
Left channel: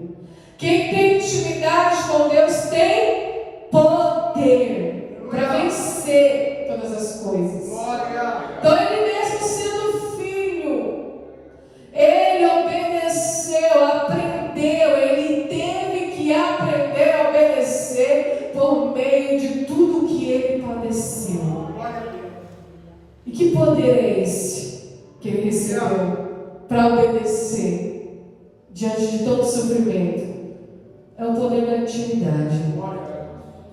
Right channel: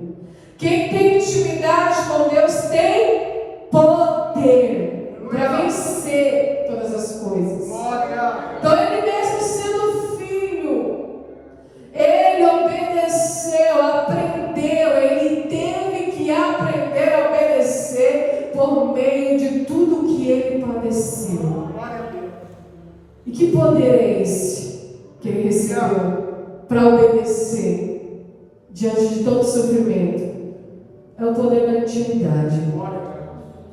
Quem tem intimidade com Deus tem poder para vencer todas as coisas. Então ele mesmo sendo filho, ele obedeceu, aprendeu, ele teve que aprender a obedecer por meio de tudo que ele padeceu. E que poder é esse que ele recebeu para obedecer diante de todo sofrimento? É o poder da intimidade.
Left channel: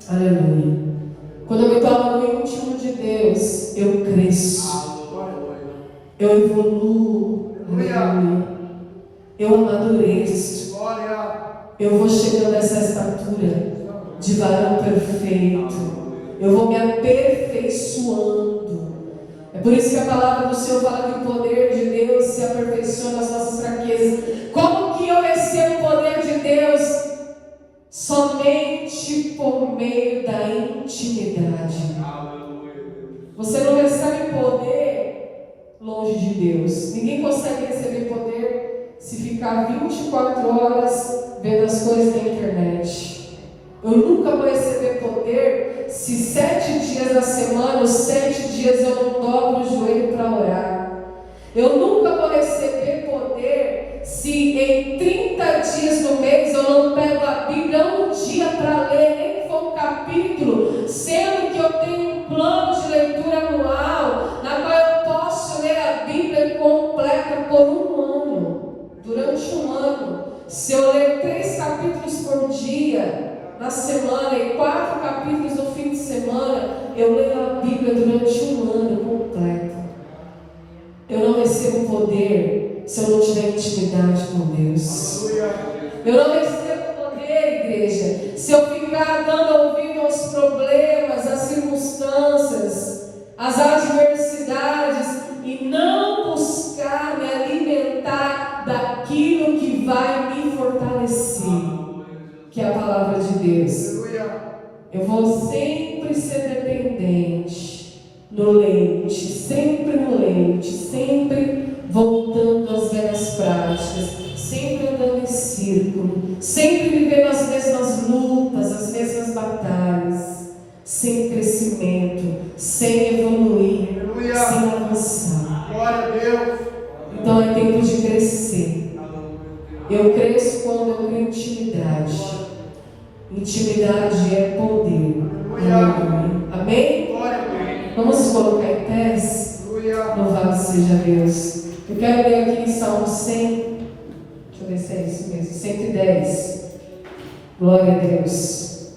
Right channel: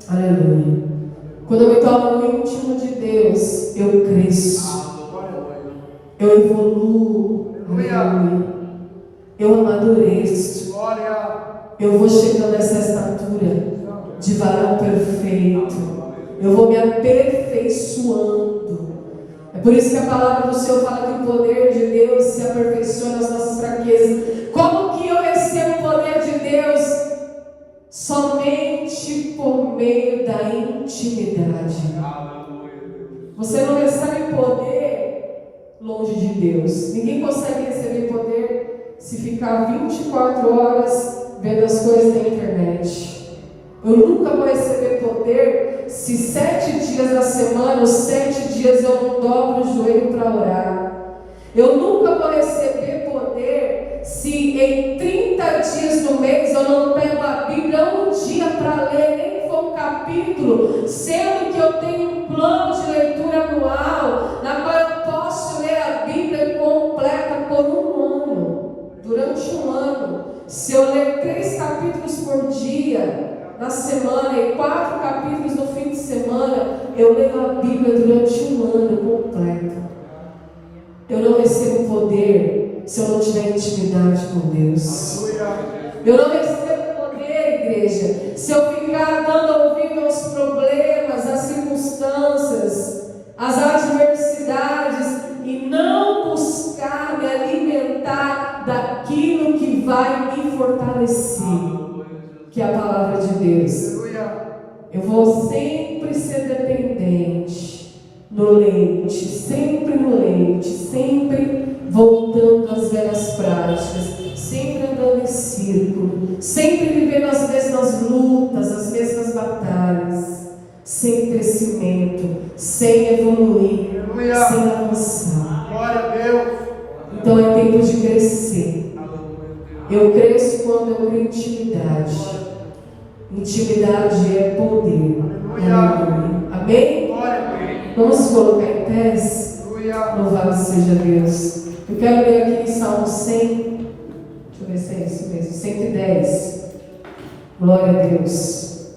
Aleluia. Quando eu me torno no íntimo de Deus, eu cresço, eu evoluo, aleluia. Eu amadureço, eu vou chegando a essa estatura de varão perfeito, eu vou me aperfeiçoando. É por isso que a palavra do Senhor fala que o poder de Deus se aperfeiçoa nas nossas fraquezas. Como que eu recebo o poder de Deus? Somente por meio da intimidade. Você não recebe poder longe de Deus. Ninguém consegue receber poder se ficar 24 horas vendo as coisas da internet. Eu nunca vou receber poder se 7 dias da semana, os 7 dias eu não dobro o joelho para orar. Eu nunca vou receber poder se em 30 dias no mês eu não pego a Bíblia um dia para ler, nem que for um capítulo, sendo que eu tenho um plano de leitura anual, na qual eu posso ler a Bíblia completa por um ano, durante um ano. Se eu ler 3 capítulos por dia na semana e 4 capítulos no fim de semana, eu leio a Bíblia durante um ano completo. Eu não recebo poder se eu não tiver intimidade com Deus. Eu não recebo poder, igreja, se eu ficar dando ouvido aos problemas, às circunstâncias, às adversidades e não buscar me alimentar daquilo que vai me fortalecer, que é a palavra de Deus. Eu vou sempre ser dependente no leite, sempre no leite, sempre voltando às velhas práticas, sempre andando em círculo, sempre vivendo as mesmas lutas, as mesmas batalhas, sem crescimento, sem evoluir, sem avançar. Glória a Deus. Então é tempo de crescer. Eu cresço quando eu tenho intimidade. Intimidade é poder. Aleluia. Amém? Vamos colocar em pés. Louvado seja Deus. Eu quero ler aqui em Salmo 100. Deixa eu ver se é isso mesmo. 110. Glória a Deus.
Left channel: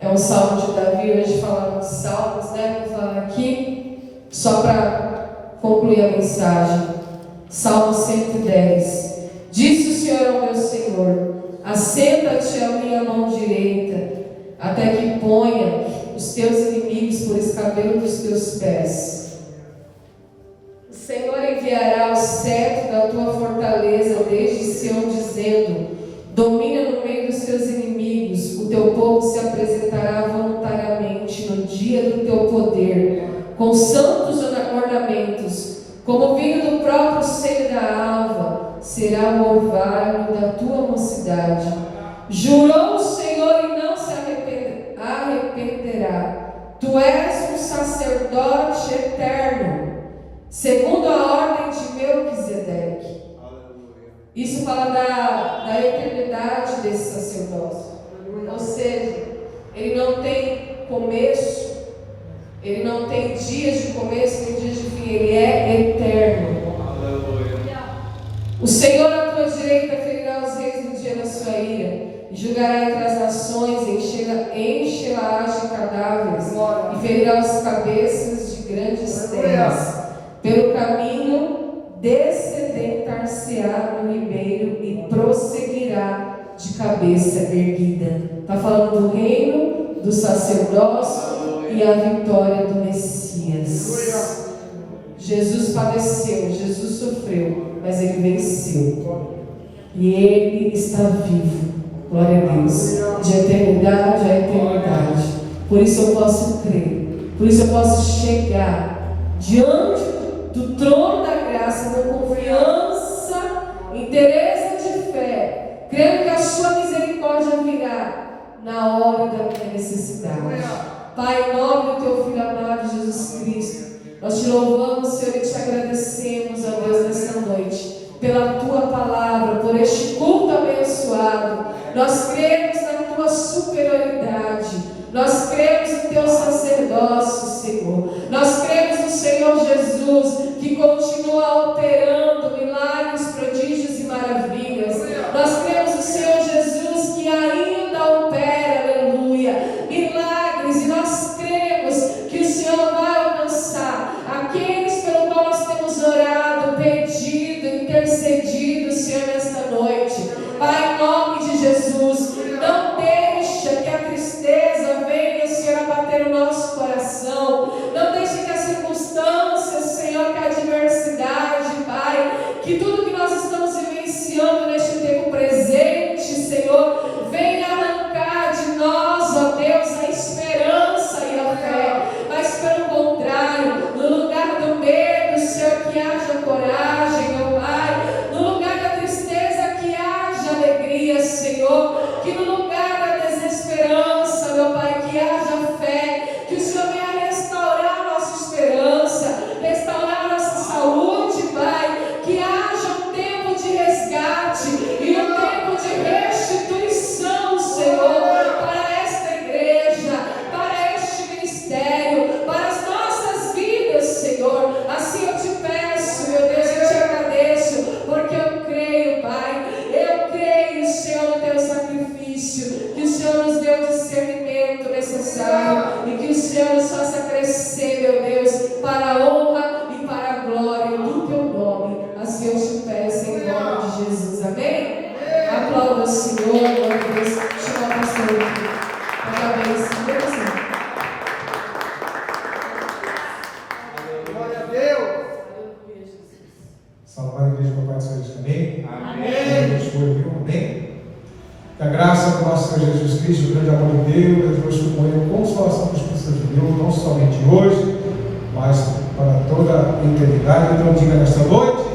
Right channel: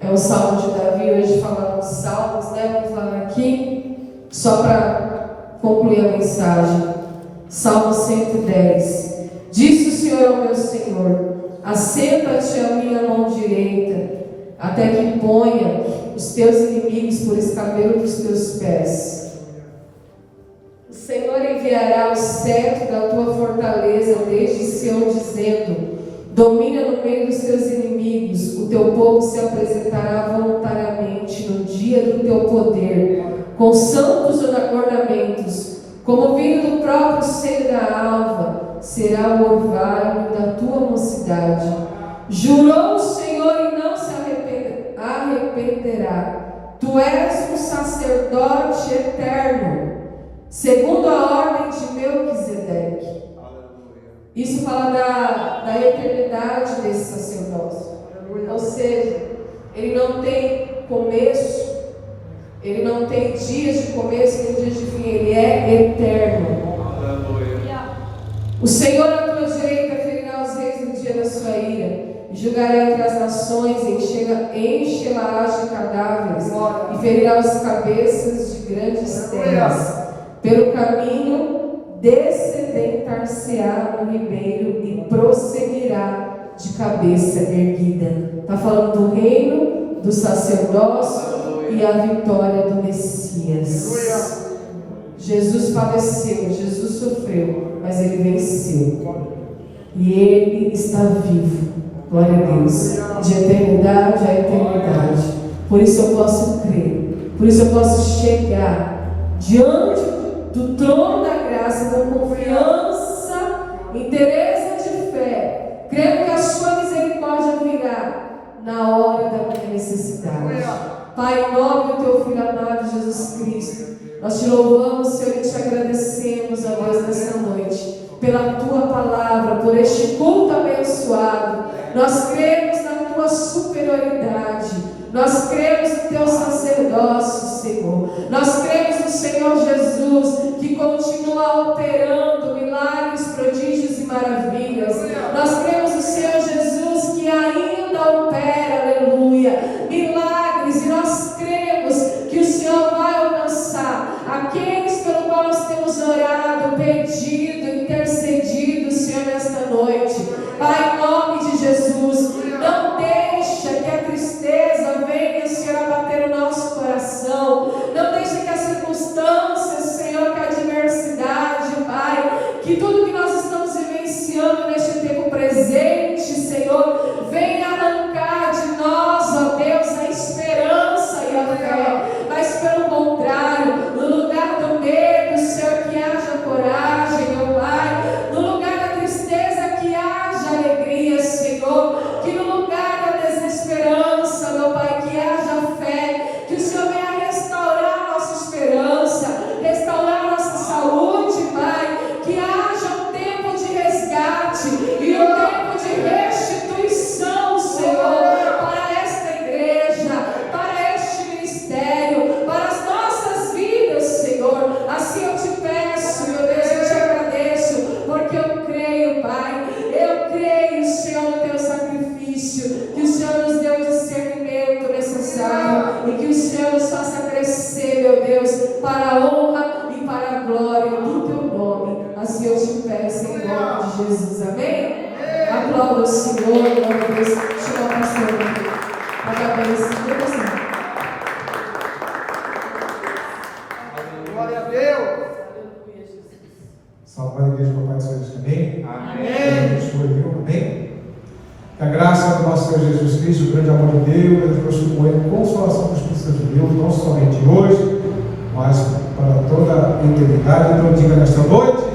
É um salmo de Davi. Hoje falamos de salmos, né? Vou falar aqui só para concluir a mensagem. Salmo 110. Disse o Senhor ao meu Senhor: assenta-te à minha mão direita, até que ponha os teus inimigos por escabelo dos teus pés. O Senhor enviará o cetro da tua fortaleza desde Sião, dizendo: domina no meio dos teus inimigos. O teu povo se apresentará voluntariamente no dia do teu poder, com santos ornamentos, como o vinho do próprio seio da alva, será o orvalho da tua mocidade. Jurou o Senhor e não se arrependerá. Tu és um sacerdote eterno, segundo a ordem de Melquisedeque. Isso fala da eternidade desse sacerdócio. Ou seja, ele não tem começo, Ele não tem dias de começo nem dias de fim, Ele é eterno. O Senhor à tua direita ferirá os reis no dia da sua ira, e julgará entre as nações, enche-las de cadáveres, e ferirá os cabeças de grandes terras. Pelo caminho descedentar-se-á no ribeiro e prosseguirá de cabeça erguida. Está falando do reino, do sacerdócio e a vitória do Messias. Jesus padeceu, Jesus sofreu, mas Ele venceu. E Ele está vivo. Glória a Deus. De eternidade a eternidade. Por isso eu posso crer. Por isso eu posso chegar diante do trono da graça com confiança, interesse de fé, crendo que a sua misericórdia virá na hora da minha necessidade. Pai, em nome do teu Filho amado Jesus Cristo, nós te louvamos, Senhor, e te agradecemos, ó Deus, nessa noite, pela tua palavra, por este culto abençoado. Nós cremos na tua superioridade, nós cremos no teu sacerdócio, Senhor. Nós cremos no Senhor Jesus, que continua operando milagres, prodígios e maravilhas. Nós cremos no Senhor Jesus, que ainda opera, aleluia, milagres, e nós cremos que o Senhor vai alcançar aqueles pelo qual nós temos orado, pedido, intercedido, Senhor, nesta noite. Pai, em nome de Jesus, não deixa que a tristeza venha, Senhor, abater o nosso coração. Não deixa que as circunstâncias, Senhor, que a adversidade, Pai, que tudo que nós estamos vivenciando neste tempo presente, Senhor, venha arrancar de nós, ó Deus, a esperança e a fé. Mas pelo contrário, no lugar do medo, Senhor, que haja coragem, ó Pai. No lugar da tristeza, que haja alegria, Senhor. Que no lugar da desesperança, meu Pai, que haja fé. Que o Senhor venha restaurar a nossa esperança, restaurar a nossa saúde, Pai. Que haja um tempo de resgate e um tempo de restituição, Senhor, para esta igreja, para este ministério, para as nossas vidas, Senhor. Assim eu te peço, meu Deus, eu te agradeço, porque eu creio, Pai. Eu creio, Senhor, no teu sacrifício, que o Senhor nos deu o discernimento necessário e que o Senhor nos faça crescer, meu Deus, para a honra e para a glória do teu nome. Assim eu te peço em nome de Jesus. Amém? Aplauda o Senhor, glória a Deus. Chama a pastora aqui. Parabéns, Deus. Glória a Deus. Salve a igreja do Papai do Céu. Amém? Amém. Amém? Que a graça do nosso Senhor Jesus Cristo, o grande amor de Deus, Deus com ele, a consolação do Espírito Santo de Deus, não somente hoje, mas para toda a eternidade. Então diga nesta noite: